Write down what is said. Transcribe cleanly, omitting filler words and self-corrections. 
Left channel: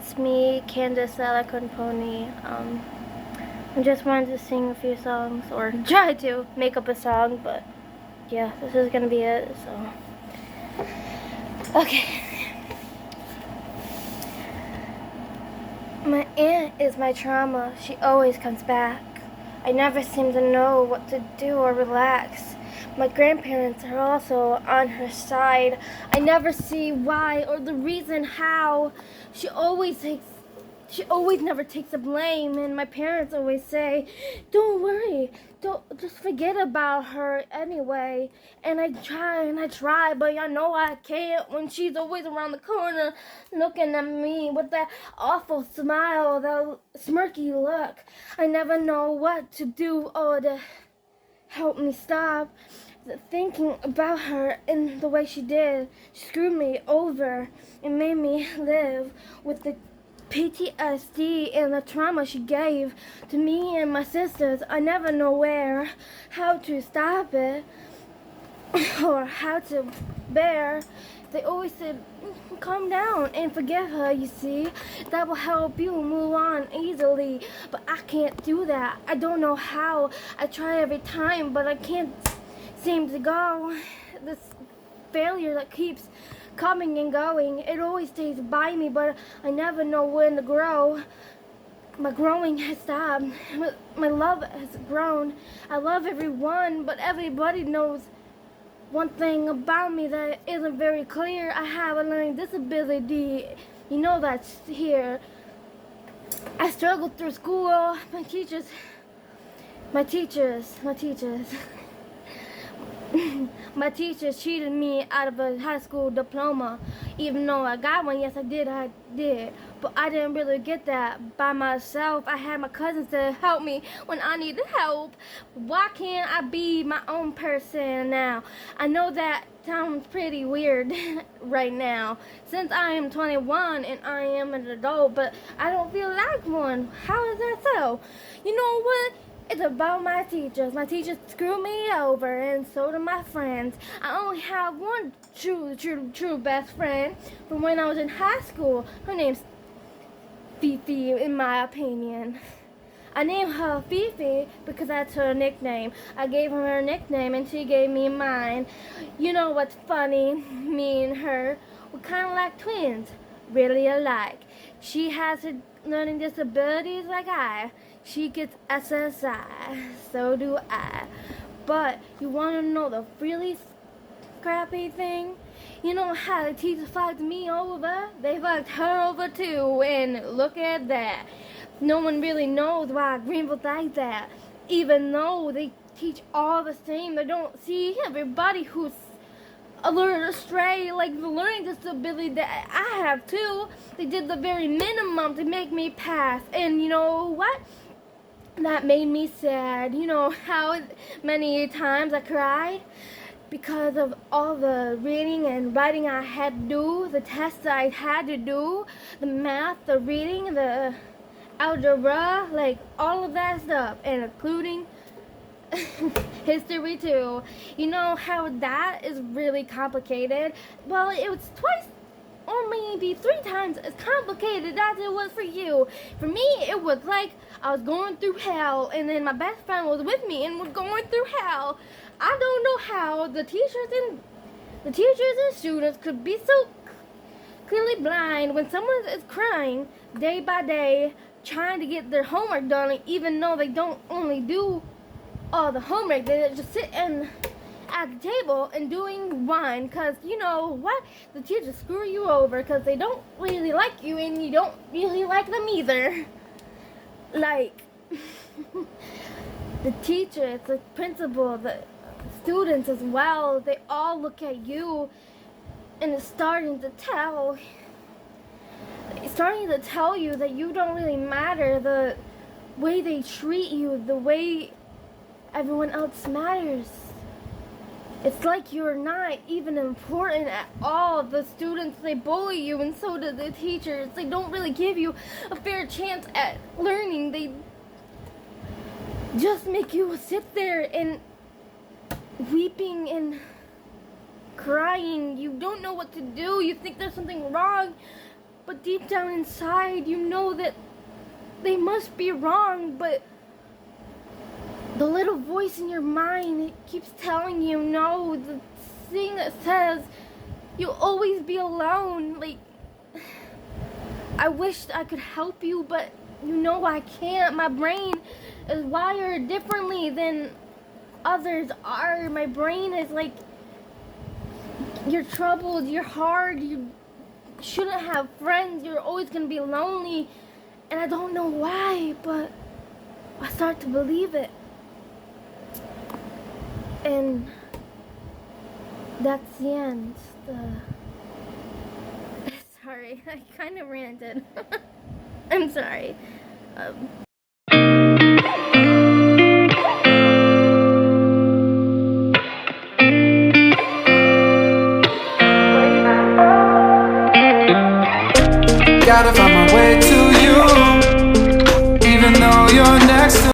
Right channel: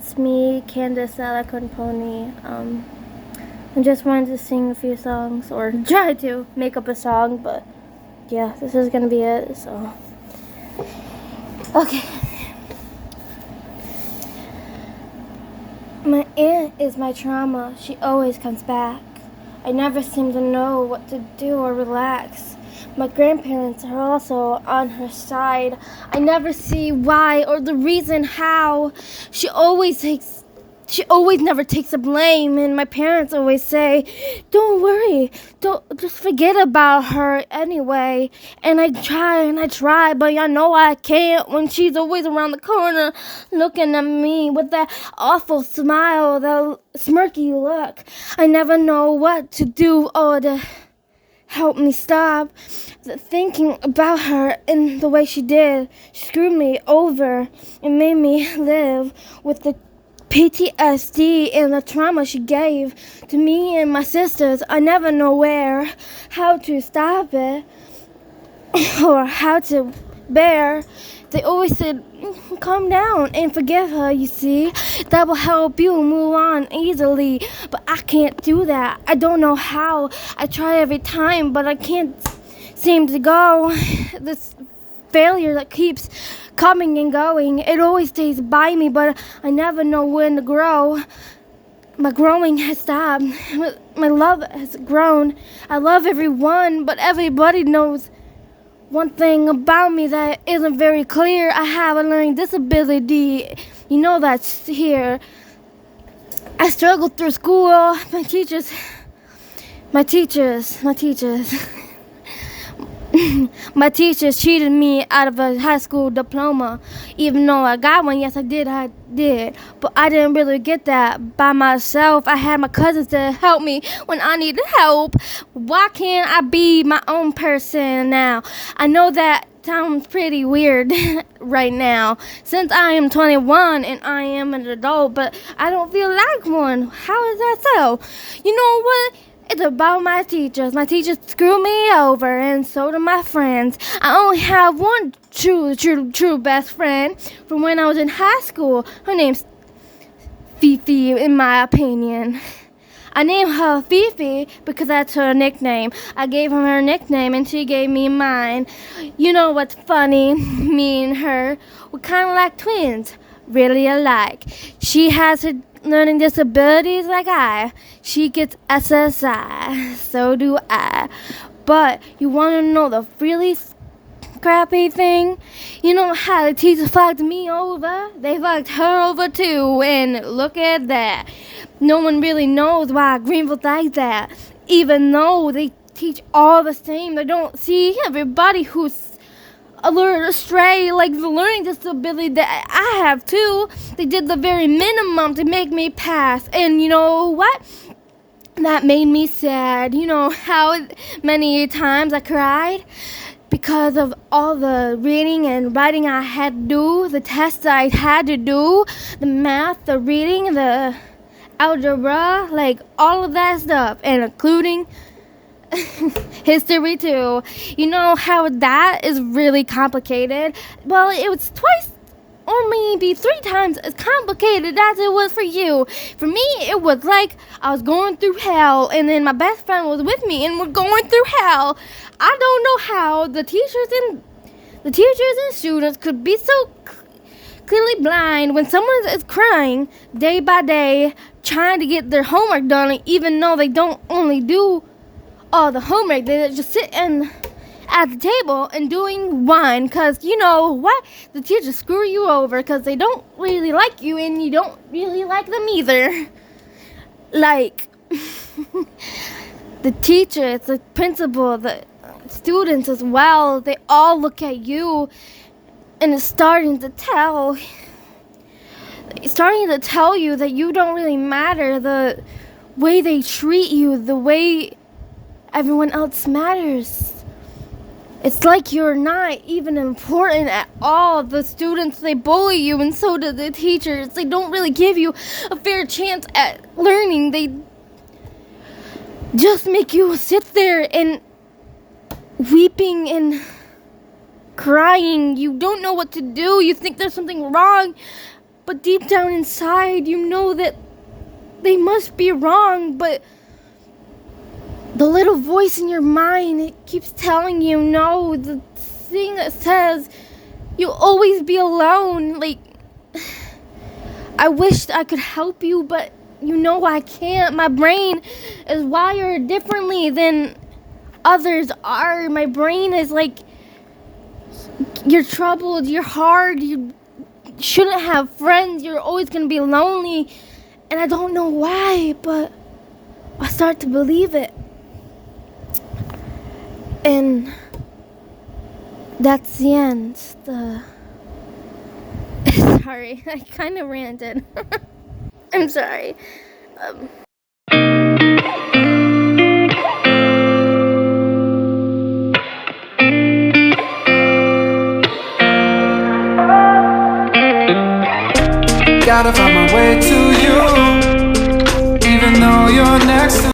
it's me, Candace Alicorn Pony. I just wanted to sing a few songs, or try to make up a song, but yeah, this is gonna be it, so. Okay. My aunt is my trauma. She always comes back. I never seem to know what to do or relax. My grandparents are also on her side. I never see why or the reason how. She always never takes the blame, and my parents always say, "Don't worry, don't just forget about her anyway." And I try, but I know I can't when she's always around the corner looking at me with that awful smile, the smirky look. I never know what to do or to help me stop thinking about her in the way she did. She screwed me over and made me live with the PTSD and the trauma she gave to me and my sisters. I never know how to stop it or how to bear. They always said, calm down and forgive her, you see. That will help you move on easily. But I can't do that. I don't know how. I try every time, but I can't seem to go. This failure that keeps coming and going, it always stays by me, but I never know when to grow. My growing has stopped. My love has grown. I love everyone, but everybody knows one thing about me that isn't very clear. I have a learning disability. You know that's here. I struggled through school. My teachers. My teachers cheated me out of a high school diploma. Even though I got one, yes I did. But I didn't really get that by myself. I had my cousins to help me when I needed help. Why can't I be my own person now? I know that sounds pretty weird right now, since I am 21 and I am an adult, but I don't feel like one. How is that so? You know what? It's about my teachers. My teachers screw me over, and so do my friends. I only have one true best friend from when I was in high school. Her name's Fifi, in my opinion. I named her Fifi because that's her nickname. I gave her nickname, and she gave me mine. You know what's funny? Me and her, we're kind of like twins, really alike. She has her learning disabilities like I. She gets SSI, so do I. But you want to know the really crappy thing? You know how the teachers fucked me over? They fucked her over too, and look at that. No one really knows why Greenville's like that. Even though they teach all the same, they don't see everybody who's alert astray, like the learning disability that I have too. They did the very minimum to make me pass, and you know what? That made me sad. You know how many times I cried because of all the reading and writing I had to do, the tests I had to do, the math, the reading, the algebra, like all of that stuff, and including history too. You know how that is really complicated? Well, it was twice or maybe 3 times as complicated as it was for you. For me, it was like I was going through hell, and then my best friend was with me, and we're going through hell. I don't know how the teachers and students could be so clearly blind when someone is crying day by day trying to get their homework done, even though they don't only do all the homework. They just sit at the table and doing one, because you know what? The teachers screw you over because they don't really like you, and you don't really like them either. Like, the teachers, the principal, the students as well, they all look at you, and it's starting to tell you that you don't really matter. The way they treat you, the way everyone else matters. It's like you're not even important at all. The students, they bully you, and so do the teachers. They don't really give you a fair chance at learning. They just make you sit there and weeping and crying. You don't know what to do. You think there's something wrong. but deep down inside, you know that they must be wrong, but the little voice in your mind, it keeps telling you no. The thing that says you'll always be alone. Like, I wish I could help you, but you know I can't. My brain is wired differently than others are. My brain is like, you're troubled, you're hard, you shouldn't have friends, you're always gonna be lonely. And I don't know why, but I start to believe it. And that's the end. Sorry, I kind of ranted. I'm sorry. Gotta find my way to you, even though you're next to